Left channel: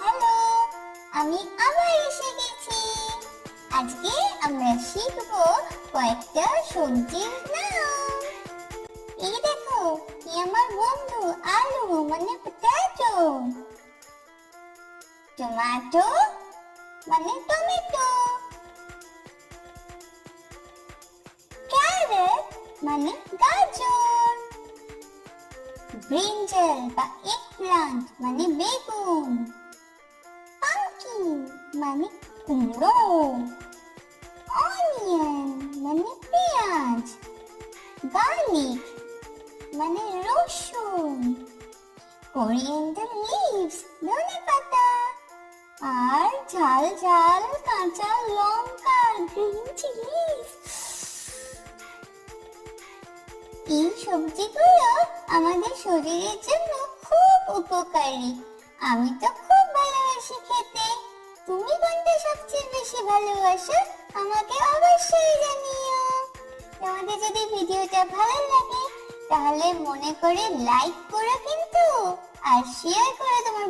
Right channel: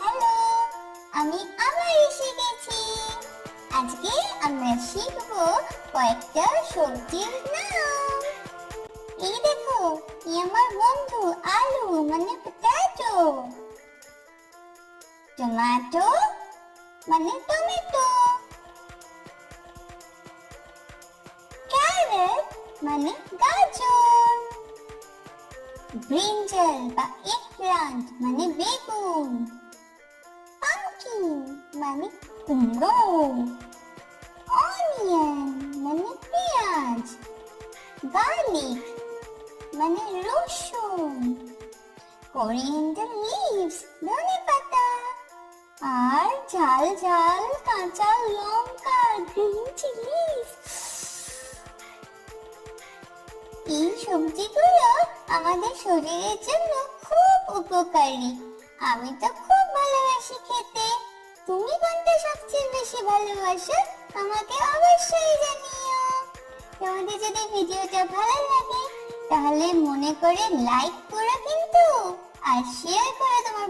Hello, আমি আবার এসে গেছি। আজকে আমরা শিখব কয়েকটা সবজির নাম। এই দেখো কি আমার বন্ধু আলু মানে পটাটো টমেটো মানে টমেটো। ক্যারট মানে গাজর। ব্রিঞ্জাল বা এগপ্লান্ট মানে মানে কুমড়ো অনিয়ন মানে পেঁয়াজ। গার্লিক মানে রসুন। কোরিয়েন্ডার লিভস ধনে পাতা। আর ঝাল ঝাল কাঁচা লঙ্কা গ্রিন চিলিস এই সবজিগুলো আমাদের শরীরের জন্য খুব উপকারী। আমি তো খুব সবচেয়ে বেশি ভালোবাসো, আমাকে অবশ্যই জানিও। তোমাদের যদি ভিডিওটা ভালো লাগে, তাহলে মনে করে লাইক করো কিন্তু, আর শেয়ার করো তোমার